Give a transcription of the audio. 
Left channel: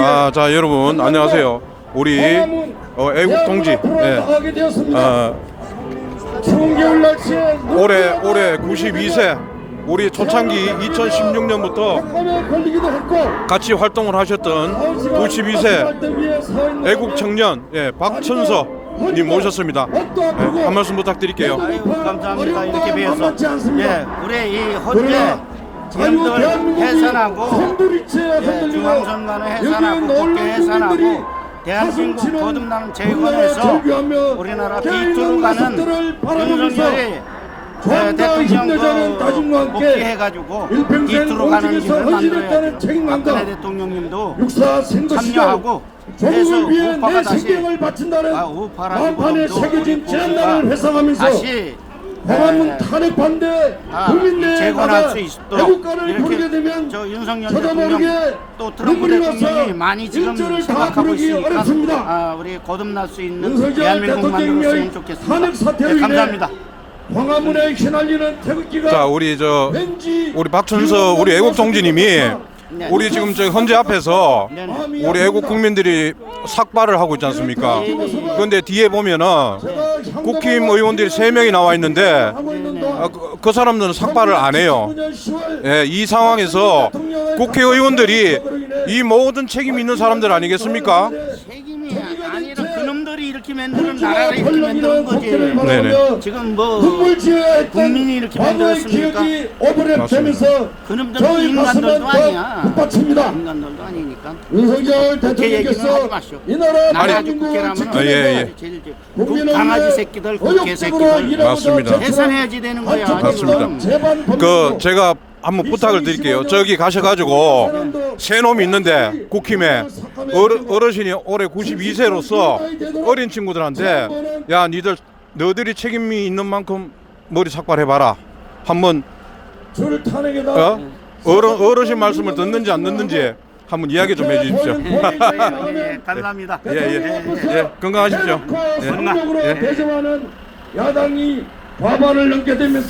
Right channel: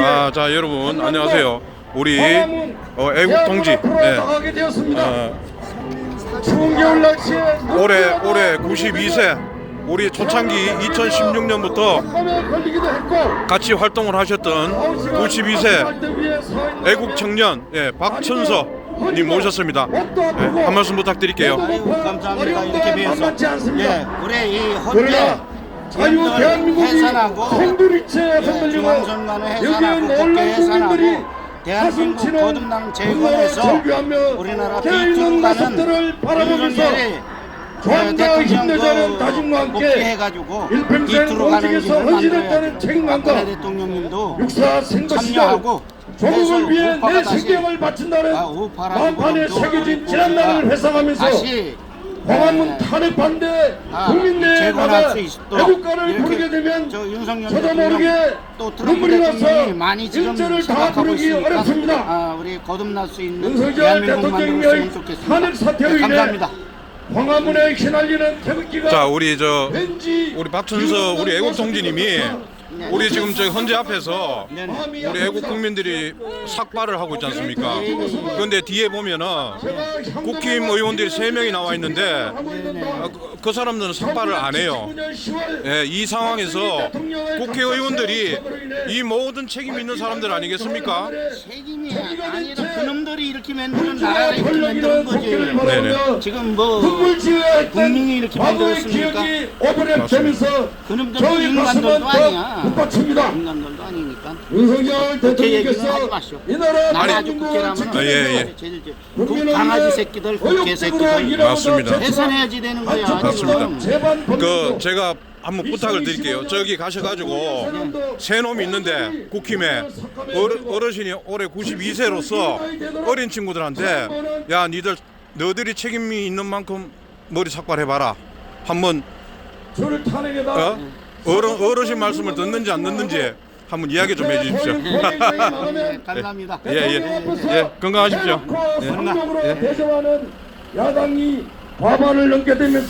아, 자 여러분 안녕하세요. 우리 어, 애국 동지, 예, 하게 되었습니다. 어, 올해 올해 92세, 우리 초창기 2016년부터 밤에 걸리기도 했고 같이 활동을 하셨던 92세 애국 청년 예, 박천서 님 모셨습니다. 예, 한 말씀 부탁드릴게요. 아유 감사합니다. 이렇게 뵈어서. 예 우리 이 헌재 지금들 해산하고 예, 중앙선관을 해산하고 국회 해산하고 대한민국 거듭나는 재건에서 우리나라 비투로 가는 윤석열이 예, 대통령도 복귀해가지고 비투로 가는 길을 만들어야죠. 박근혜 대통령님도 참여하고 해서 우파가 다시 아 우파라기보다도 우리 보수가 다시 광화문 예, 탄핵 반대 아, 국민 내에 재건할 수 있도록 애국가를 부르게 이렇게 되면 저 윤석열 대통령 또 트럼프 대통령이 많이 지금 생각하고 있으니까. 아, 우리 거듭날 수 있는 대한민국 만들었으면 좋겠습니다. 네, 감사합니다. 광화문에 휘날리는 태극기가 자 우리 저 우리 박천서 우리 애국 동지님이 우리 지금 저 헌재 앞에서 네네. 우리 애국 국민들이 삭발을 하고 있지 않습니까? 그런데 뒤에 보면은 국힘 의원들이 세 명이 나와 있는데 아, 그, 그 사람들은 삭발을 안 해요. 예, 이 상황에서 국회의원들이 이 모든 책임 있는 사람들 아니겠습니까? 책임이 아니라 그놈들이 이렇게 만드는 나라를 이렇게 만드는 거지. 네네. 지금 뭐 국민이 이렇게 만들었습니까? 오버랩되면서 그놈들도 인간들도 아니야. 인간들도 아니니까. 윤석열 국회 얘기는 하지 마시오. 나는 아주 국회라면 지키는 아, 예, 예. 아주 제일 제- 국 강아지 새끼들, 국회 새끼들 맞습니다. 해산해야지 되는 거야 맞습니다. 지금. 그 제가 한번 부탁을 드릴게요. 저기 가셔가지고 새 놈이 있는데 국힘에 어르, 어르 신이 올해 92세로서 어린 친구들한테 야 니들 너들이 책임이 있는 만큼 머리 삭발해봐라. 한번 어? 어르, 어르신 말씀을 듣는지 안 듣는지 한번 이야기 좀 해주십시오. 예, 감사합니다. 예, 예, 예, 건강하십시오. 예. 대전하는 야당이 과반을 넘게 되면서